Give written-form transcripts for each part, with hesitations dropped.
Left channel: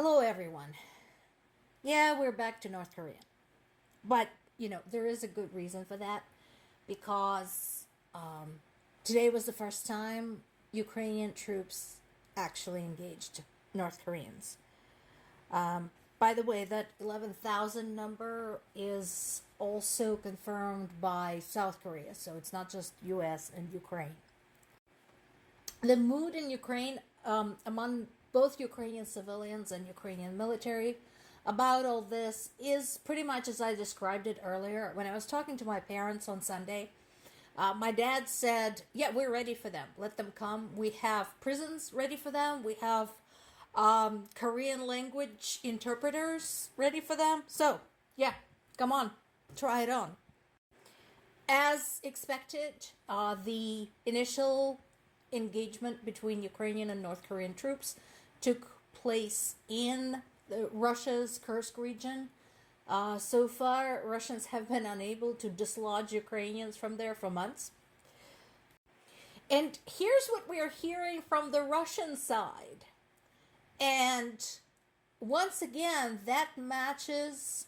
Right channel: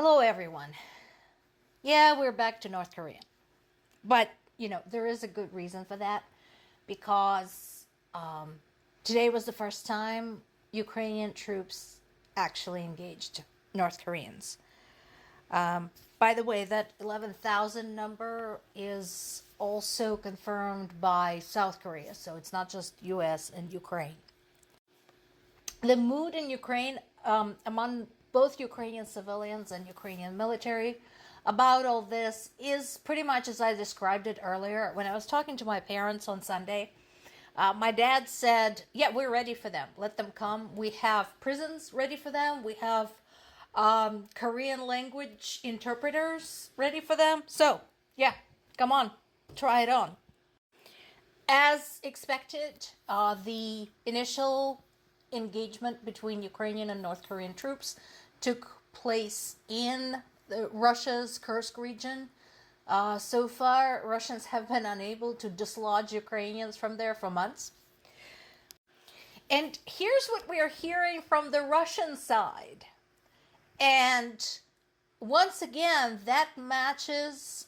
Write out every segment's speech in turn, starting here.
Hello, everyone. Yeah, we're back to North Korea. But, there is a good reason for that because today was the first time Ukrainian troops actually engaged North Koreans. By the way, that 11,000 number is also confirmed by South Korea, so it's not just US and Ukraine. The mood in Ukraine among both Ukrainian civilians and Ukrainian military about all this is pretty much as I described it earlier. When I was talking to my parents on Sunday, my dad said, yeah, we're ready for them. Let them come. We have prisons ready for them. We have Korean language interpreters ready for them. So, yeah, come on, try it on. As expected, the initial engagement between Ukrainian and North Korean troops took place in Russia's Kursk region. So far, Russians have been unable to dislodge Ukrainians from there for months. And here's what we are hearing from the Russian side. And once again, that matches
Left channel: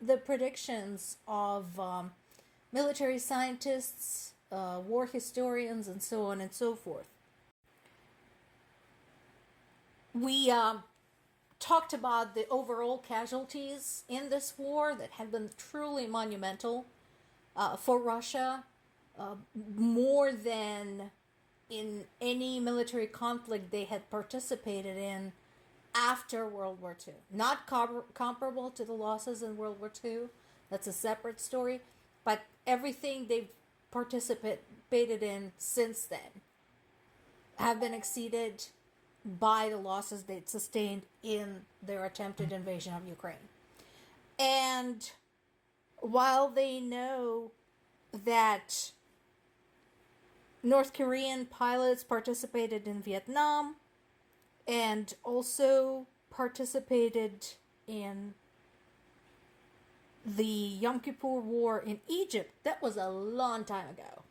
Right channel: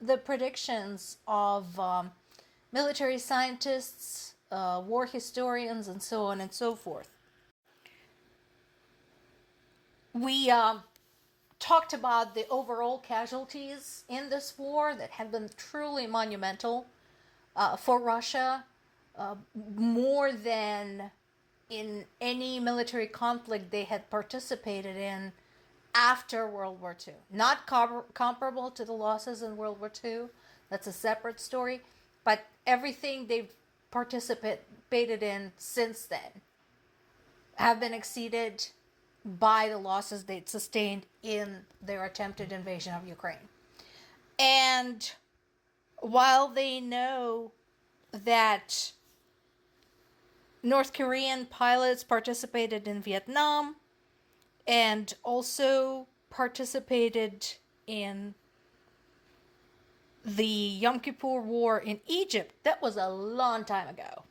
the predictions of military scientists, war historians, and so on and so forth. We talked about the overall casualties in this war that have been truly monumental for Russia, more than in any military conflict they had participated in after World War II. Not comparable to the losses in World War II. That's a separate story. But everything they've participated in since then have been exceeded by the losses they'd sustained in their attempted invasion of Ukraine. And while they know that North Korean pilots participated in Vietnam and also participated in the Yom Kippur War in Egypt, that was a long time ago.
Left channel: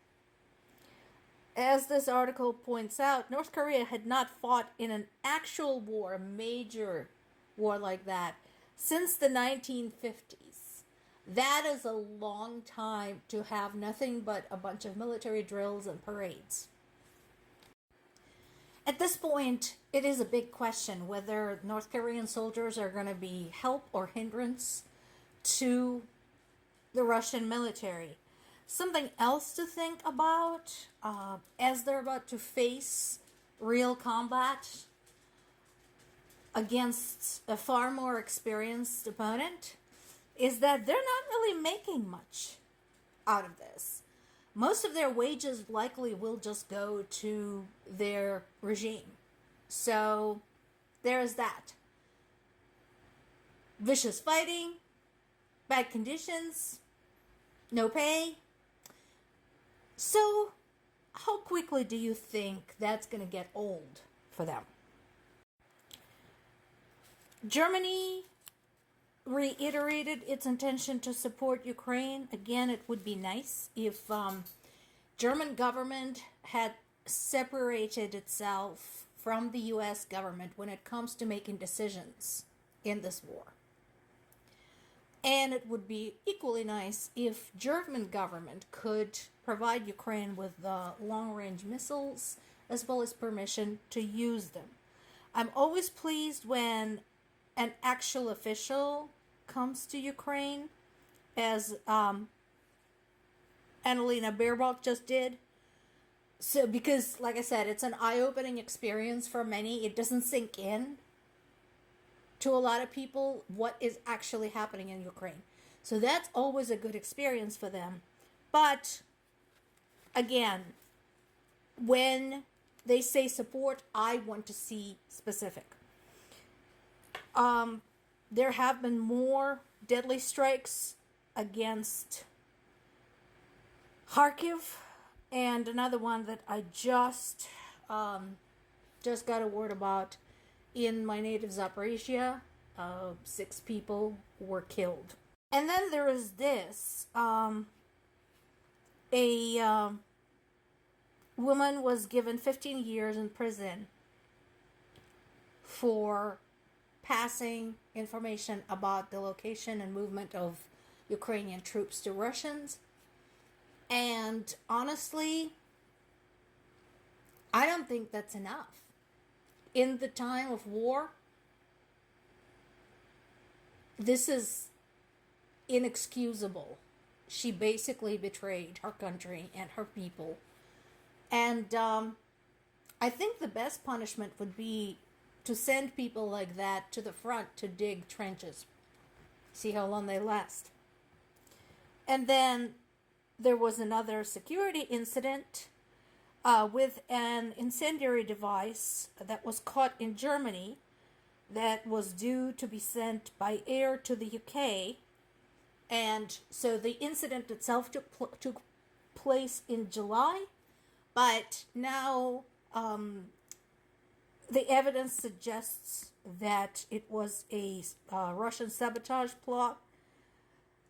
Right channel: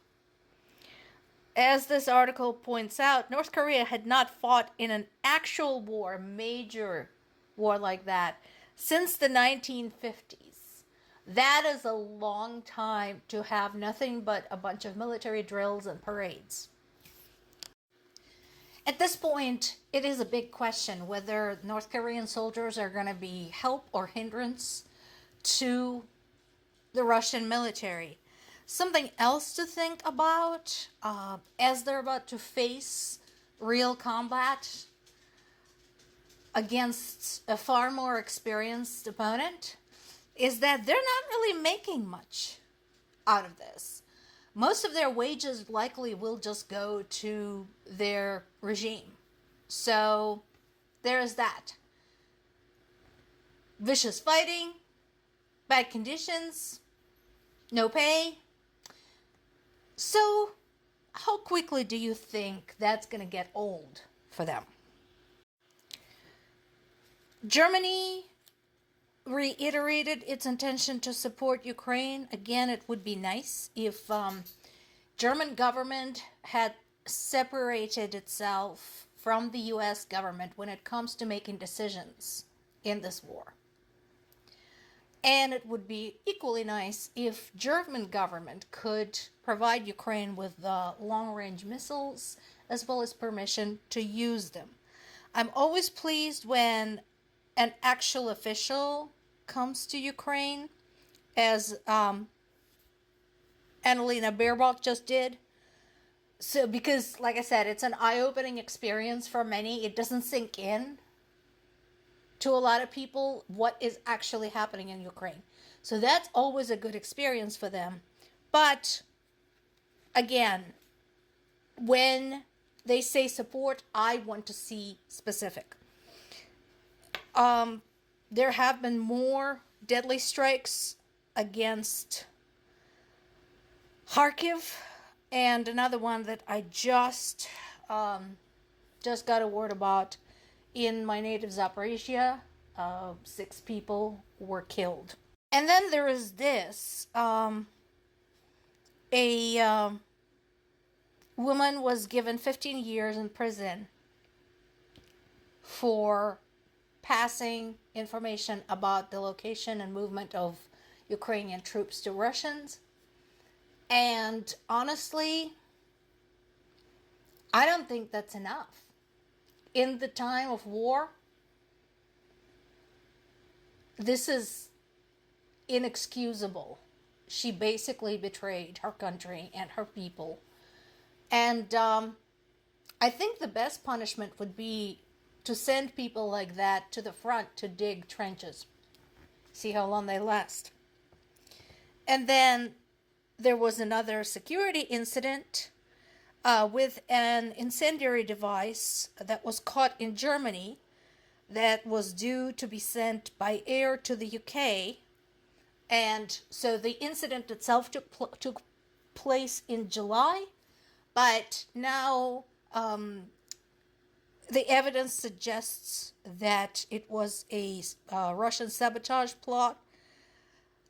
As this article points out, North Korea had not fought in an actual war, a major war like that, since the 1950s. That is a long time to have nothing but a bunch of military drills and parades. At this point, it is a big question whether North Korean soldiers are going to be help or hindrance to the Russian military. Something else to think about as they're about to face real combat against a far more experienced opponent is that they're not really making much out of this. Most of their wages likely will just go to their regime. So there is that. Vicious fighting, bad conditions, no pay. So, how quickly do you think that's going to get old for them? Germany reiterated its intention to support Ukraine. Again, it would be nice if German government had separated itself from the US government when it comes to making decisions in this war. And it would be equally nice if German government could provide Ukraine with long-range missiles as well as permission to use them. I'm always pleased when an actual official comes to Ukraine, as Annalena Baerbock just did. So, because, like I said, it's an eye-opening experience for many. It doesn't sink in to a lot of people what is actually happening in Ukraine. So that's always a good experience for them. But again, when they say support, I want to see specific. There have been more deadly strikes against Kharkiv, and another one that I just got a word about in my native Zaporizhia. 6 people were killed. And then there is this. A woman was given 15 years in prison for passing information about the location and movement of Ukrainian troops to Russians. And honestly, I don't think that's enough. In the time of war, this is inexcusable. She basically betrayed her country and her people. And I think the best punishment would be to send people like that to the front to dig trenches. See how long they last. And then there was another security incident with an incendiary device that was caught in Germany that was due to be sent by air to the UK. And so the incident itself took place in July, but now the evidence suggests that it was a Russian sabotage plot.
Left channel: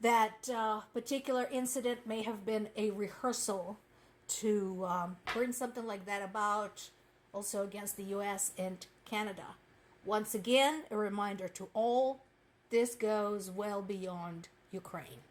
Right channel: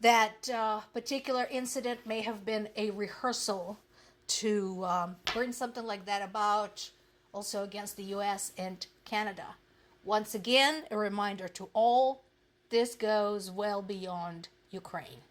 That particular incident may have been a rehearsal to bring something like that about, also against the US and Canada. Once again, a reminder to all, this goes well beyond Ukraine.